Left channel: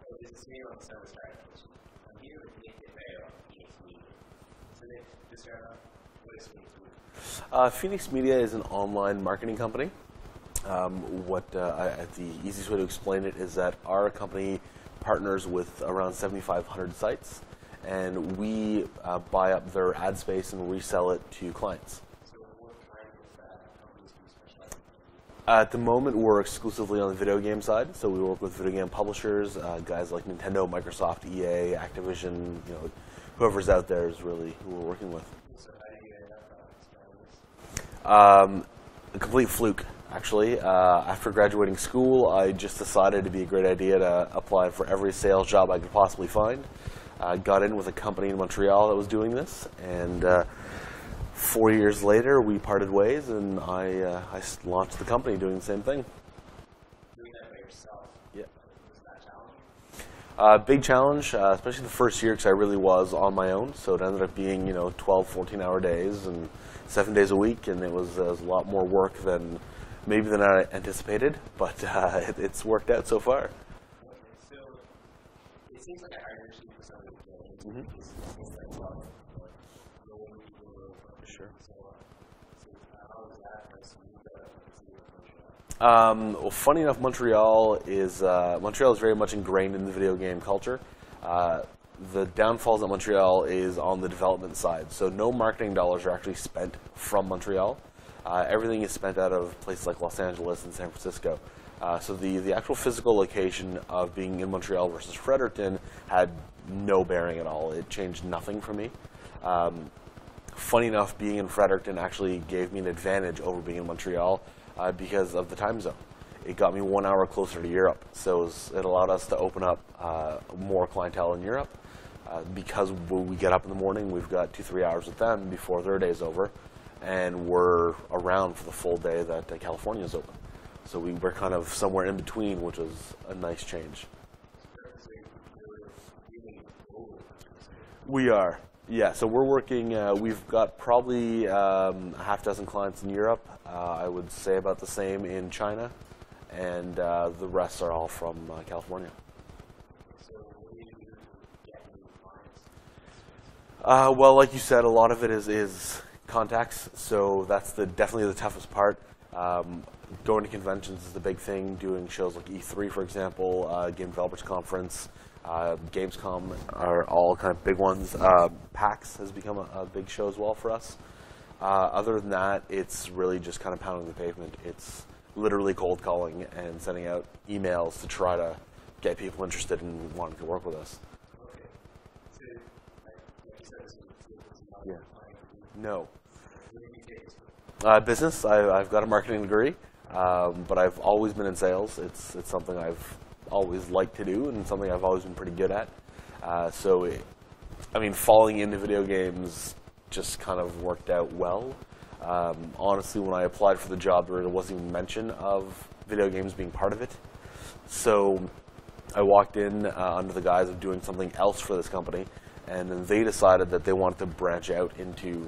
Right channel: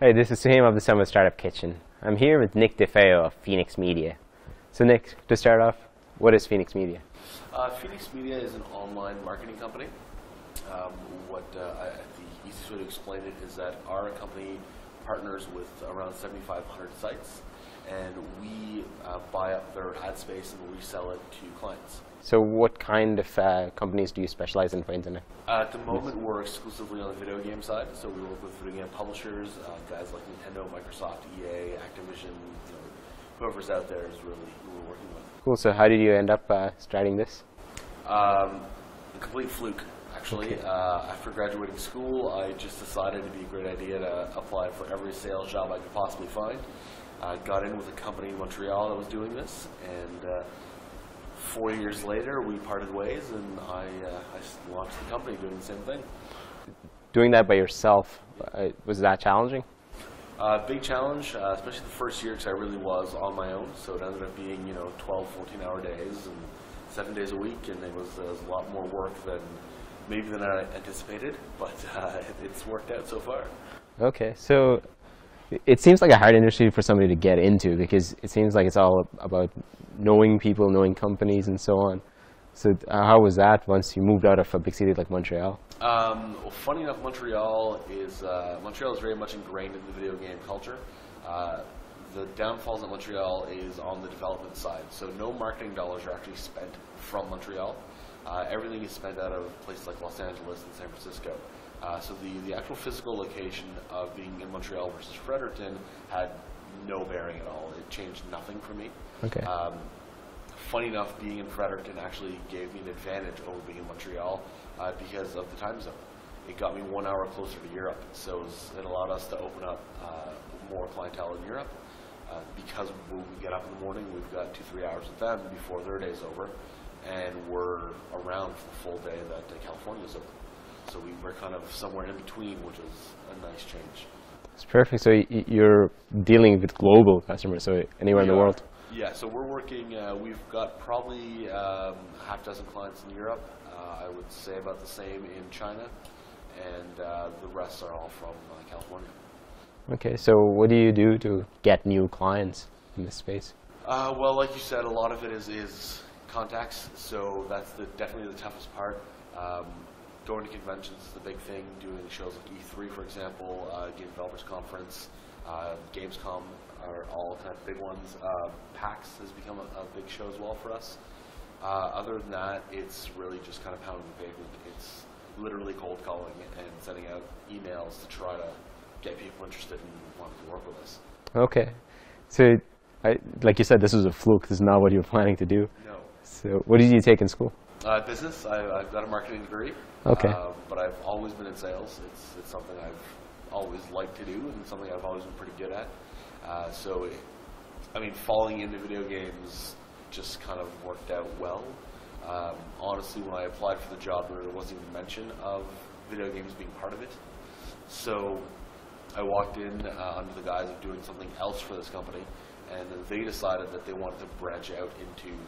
Hey, this is Suhaim of the Summit Startup Kitchen. I'm here with Nick DeFeo of Fenix Media. So Nick, to start off, what is Fenix Media? Fenix Media is an online marketing company. The easiest way to explain it is that our company partners with around 7,500 sites, and we buy up their ad space and resell it to clients. So what kind of companies do you specialize in for internet? At the moment, we're exclusively on the video game side, so we work with video game publishers, guys like Nintendo, Microsoft, EA, Activision, whoever's out there is really who we're working with. Cool, so how did you end up starting this? A complete fluke, actually. After graduating school, I just decided it'd be a great idea to apply for every sales job I could possibly find. I got in with a company in Montreal that was doing this, and 4 years later, we parted ways, and I launched the company doing the same thing. Doing that by yourself, Yeah. Was that challenging? Big challenge, especially the first year, because I really was on my own. So it ended up being 12, 14-hour days and 7 days a week, and it was a lot more work than I anticipated, but it's worked out so far. Okay, so it seems like a hard industry for somebody to get into because it seems like it's all about knowing people, knowing companies, and so on. So how was that once you moved out of a big city like Montreal? Well, funny enough, Montreal is very much ingrained in the video game culture. The downfalls at Montreal is on the development side. So no marketing dollars are actually spent from Montreal. Everything is spent out of places like Los Angeles and San Francisco. So the actual physical location of being in Montreal versus Fredericton had no bearing at all. It changed nothing for me. Okay. Funny enough, being in Fredericton actually gave me an advantage over being in Montreal because of the time zone. It got me 1 hour closer to Europe, so it allowed us to open up more clientele in Europe. Because when we get up in the morning, we've got 2-3 hours with them before their day's over, and we're around for the full day that California's open. So we're kind of somewhere in between, which is a nice change. It's perfect. So you're dealing with global customers, so anywhere in the world. Yeah, so we're working, we've got probably a half dozen clients in Europe. I would say about the same in China, and the rest are all from California. Okay, so what do you do to get new clients in this space? Well, like you said, a lot of it is contacts, so that's definitely the toughest part. Going to conventions is the big thing, doing shows like E3, for example, Game Developers Conference, Gamescom are all kind of big ones. PAX has become a big show as well for us. Other than that, it's really just kind of pounding the pavement. It's literally cold calling and sending out emails to try to get people interested in wanting to work with us. Okay. So, like you said, this was a fluke. This is not what you were planning to do. No. So what did you take in school? Business. I've got a marketing degree. Okay. But I've always been in sales. It's something I've always liked to do and something I've always been pretty good at. Falling into video games just kind of worked out well. Honestly, when I applied for the job, there wasn't even mention of video games being part of it. So I walked in under the guise of doing something else for this company, and then they decided that they wanted to branch out into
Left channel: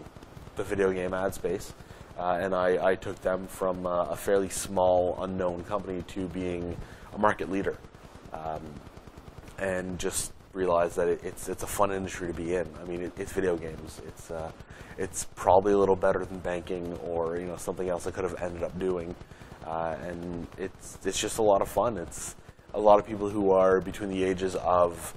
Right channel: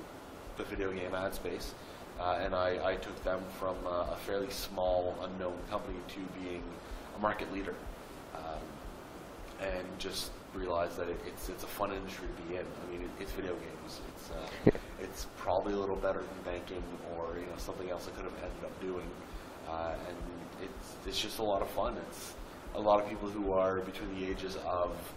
the video game ad space. And I took them from a fairly small, unknown company to being a market leader, and just realized that it's a fun industry to be in. I mean, it's video games. It's probably a little better than banking or something else I could have ended up doing, and it's just a lot of fun. It's a lot of people who are between the ages of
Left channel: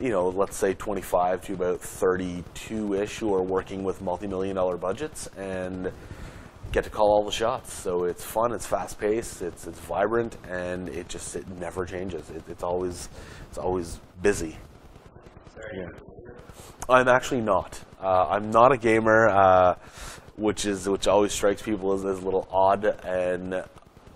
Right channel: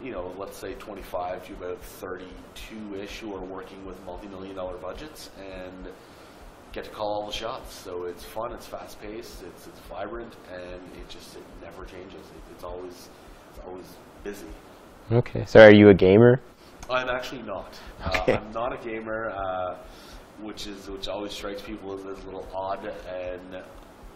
let's say 25 to about 32-ish who are working with multi-million-dollar budgets and get to call all the shots. So it's fun, it's fast-paced, it's vibrant, and it never changes. It's always busy. Okay. So are you a gamer? I'm actually not. Okay. I'm not a gamer, which always strikes people as a little odd and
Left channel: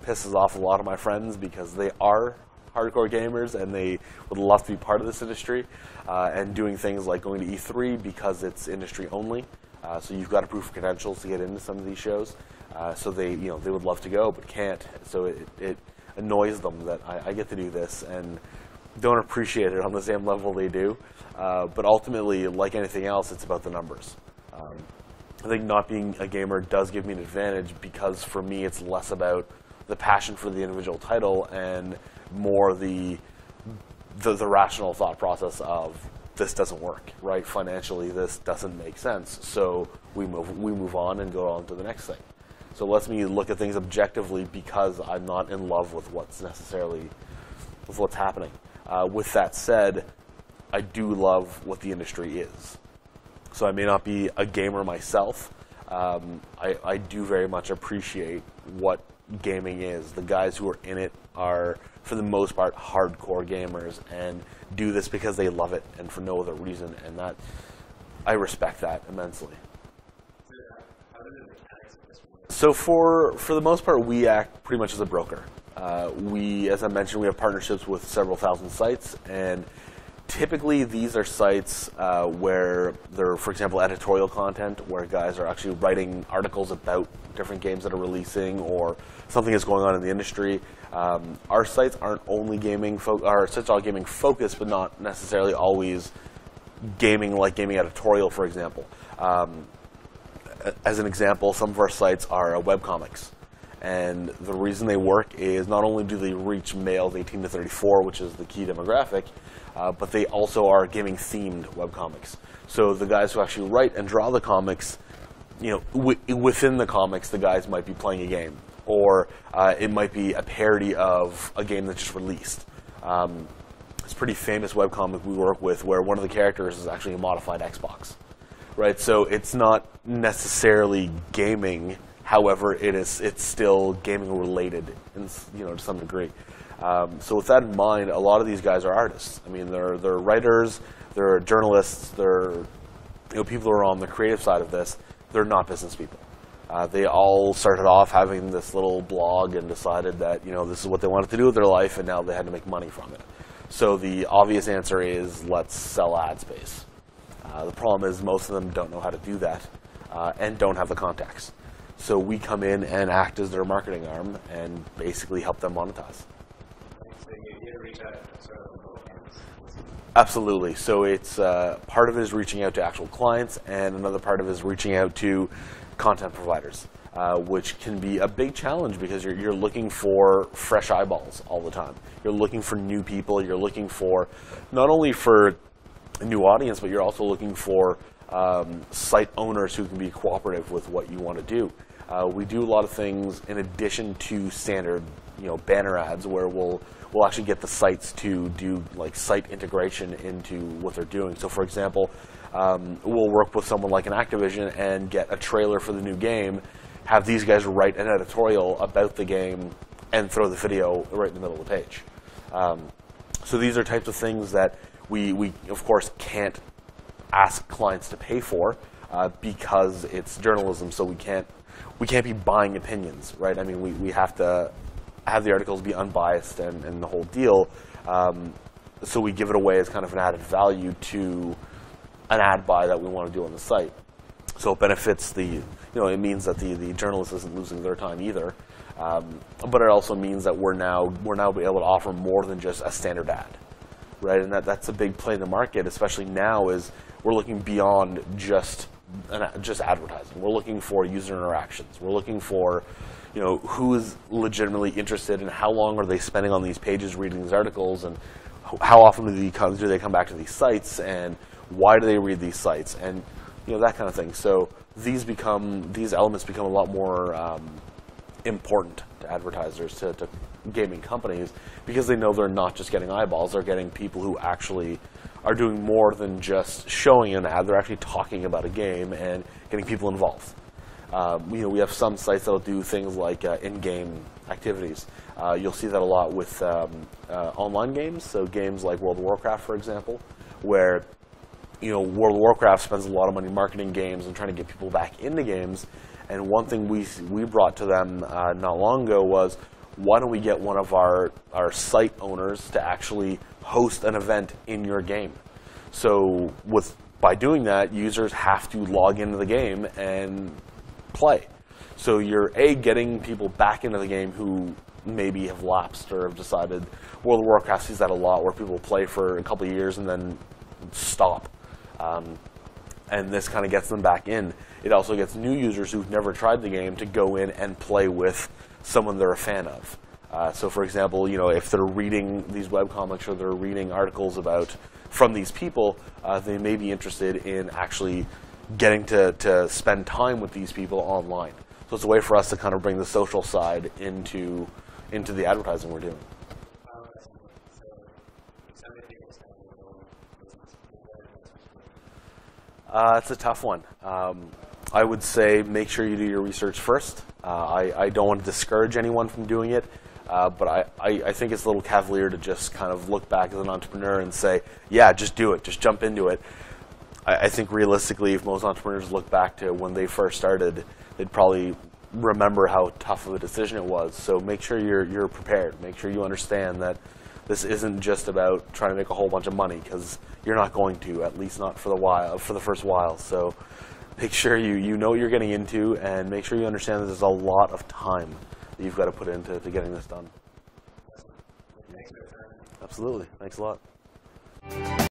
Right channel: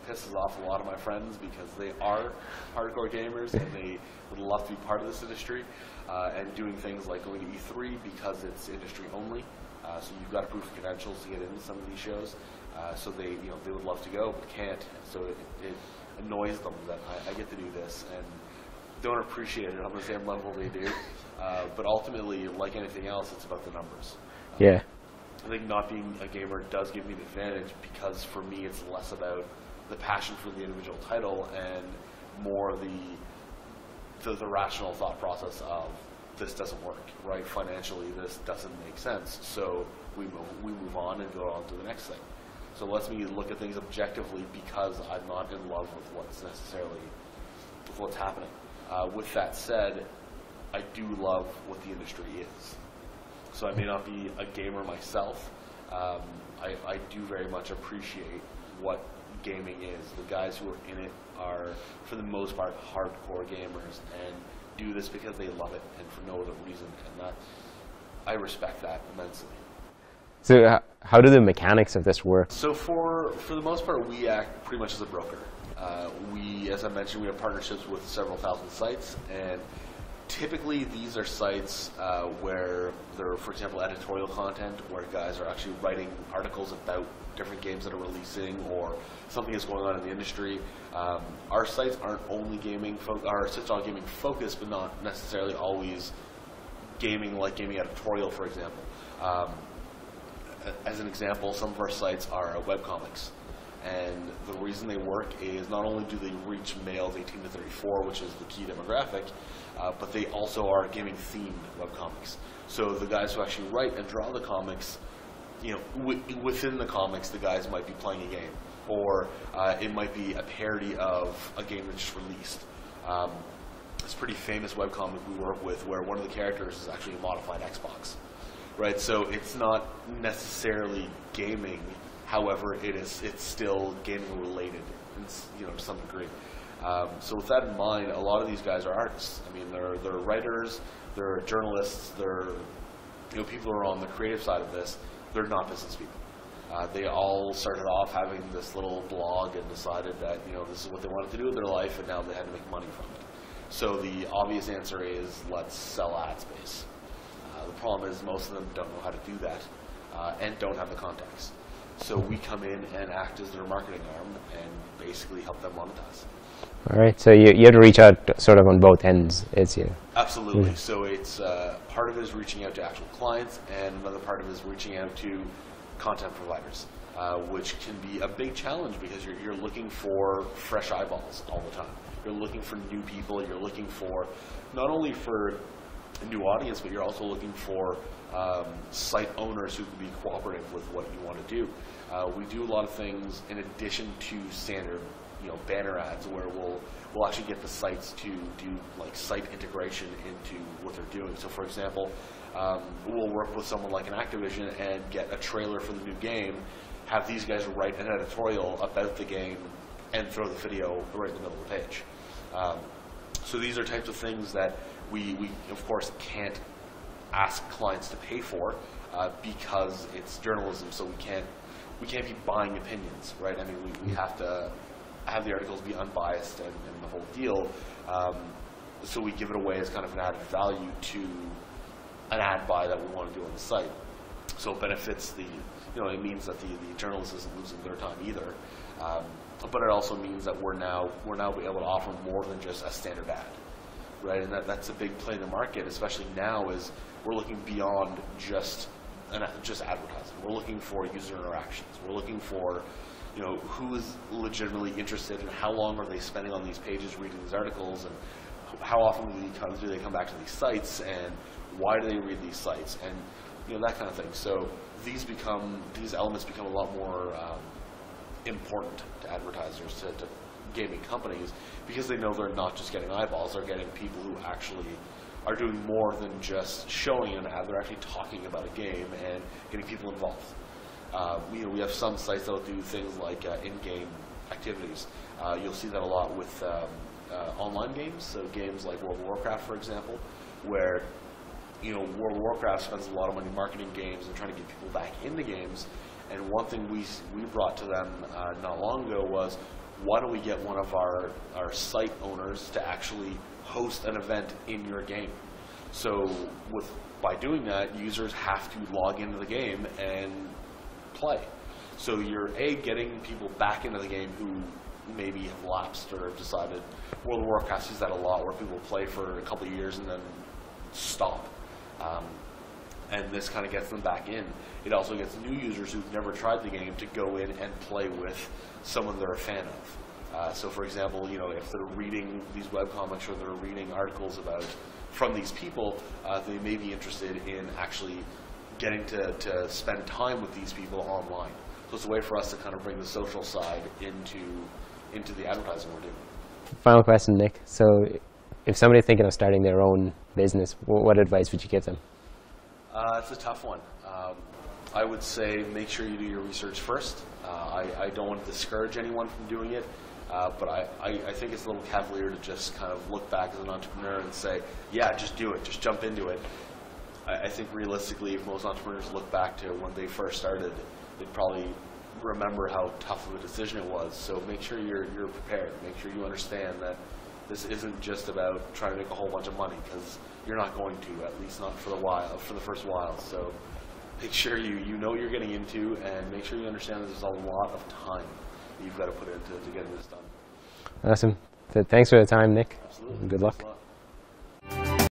pisses off a lot of my friends because they are hardcore gamers and they would love to be part of this industry and doing things like going to E3 because it's industry only. So you've got to prove credentials to get into some of these shows. So they would love to go but can't. So it annoys them that I get to do this and don't appreciate it on the same level they do. But ultimately, like anything else, it's about the numbers. Yeah. I think not being a gamer does give me an advantage because for me it's less about the passion for the individual title and more the the rational thought process of this doesn't work, right? Financially, this doesn't make sense. So we move on and go on to the next thing. So it lets me look at things objectively because I'm not in love with what's happening. With that said, I do love what the industry is. So I may not be a gamer myself. I do very much appreciate what gaming is. The guys who are in it are, for the most part, hardcore gamers and do this because they love it and for no other reason. And that, I respect that immensely. So how do the mechanics of this work? So for the most part, we act pretty much as a broker. As I mentioned, we have partnerships with several thousand sites, and typically these are sites where they're, for example, editorial content, where guys are actually writing articles about different games that are releasing or something that's going on in the industry. Our sites aren't only gaming, our sites are gaming focused, but not necessarily always gaming, like gaming editorial, for example. As an example, some of our sites are webcomics. And the reason they work is not only do they reach males 18 to 34, which is the key demographic, but they also are gaming-themed webcomics. So the guys who actually write and draw the comics, within the comics, the guys might be playing a game. Or it might be a parody of a game that's just released. It's a pretty famous webcomic we work with where one of the characters is actually a modified Xbox. Right, so it's not necessarily gaming. However, it's still gaming related, to some degree. So with that in mind, a lot of these guys are artists. I mean, they're writers, they're journalists, they're people who are on the creative side of this. They're not business people. They all started off having this little blog and decided that this is what they wanted to do with their life, and now they had to make money from it. So the obvious answer is let's sell ad space. The problem is most of them don't know how to do that and don't have the contacts. So we come in and act as their marketing arm and basically help them monetize. All right. So you have to reach out sort of on both ends. Absolutely. So it's part of it is reaching out to actual clients, and another part of it is reaching out to content providers, which can be a big challenge because you're looking for fresh eyeballs all the time. You're looking for new people. You're looking for not only for a new audience, but you're also looking for site owners who can be cooperative with what you want to do. We do a lot of things in addition to standard, banner ads, where we'll actually get the sites to do like site integration into what they're doing. So, for example, we'll work with someone like an Activision and get a trailer for the new game, have these guys write an editorial about the game, and throw the video right in the middle of the page. So these are types of things that we of course can't ask clients to pay for because it's journalism. So we can't be buying opinions, right? I mean, we have to have the articles be unbiased and the whole deal. So we give it away as kind of an added value to an ad buy that we want to do on the site. So it benefits it means that the journalist isn't losing their time either. But it also means that we're now able to offer more than just a standard ad, right? And that's a big play in the market, especially now, is we're looking beyond just advertising. We're looking for user interactions. We're looking for, who is legitimately interested and how long are they spending on these pages reading these articles, and how often do they come back to these sites, and why do they read these sites, and that kind of thing. So these elements become a lot more important to advertisers, to gaming companies, because they know they're not just getting eyeballs, they're getting people who actually are doing more than just showing an ad. They're actually talking about a game and getting people involved. We have some sites that will do things like in-game activities. You'll see that a lot with online games, so games like World of Warcraft, for example, where World of Warcraft spends a lot of money marketing games and trying to get people back into games. And one thing we brought to them not long ago was, why don't we get one of our site owners to actually host an event in your game? So by doing that, users have to log into the game and play. So you're getting people back into the game who maybe have lapsed or have decided. World of Warcraft sees that a lot, where people play for a couple of years and then stop. And this kind of gets them back in. It also gets new users who've never tried the game to go in and play with someone they're a fan of. So, for example, if they're reading these webcomics or they're reading articles from these people, they may be interested in actually getting to spend time with these people online. So it's a way for us to kind of bring the social side into the advertising we're doing. Final question, Nick. So if somebody's thinking of starting their own business, what advice would you give them? It's a tough one. I would say make sure you do your research first. I don't want to discourage anyone from doing it, but I think it's a little cavalier to just kind of look back as an entrepreneur and say, yeah, just do it, just jump into it. I think realistically, if most entrepreneurs look back to when they first started, they'd probably remember how tough of a decision it was. So make sure you're prepared. Make sure you understand that this isn't just about trying to make a whole bunch of money, because you're not going to, at least not for the first while. So make sure you know what you're getting into, and make sure you understand that there's a lot of time that you've got to put into getting this done. Awesome. Thanks for the time, Nick. Absolutely. Good Thanks luck. a lot.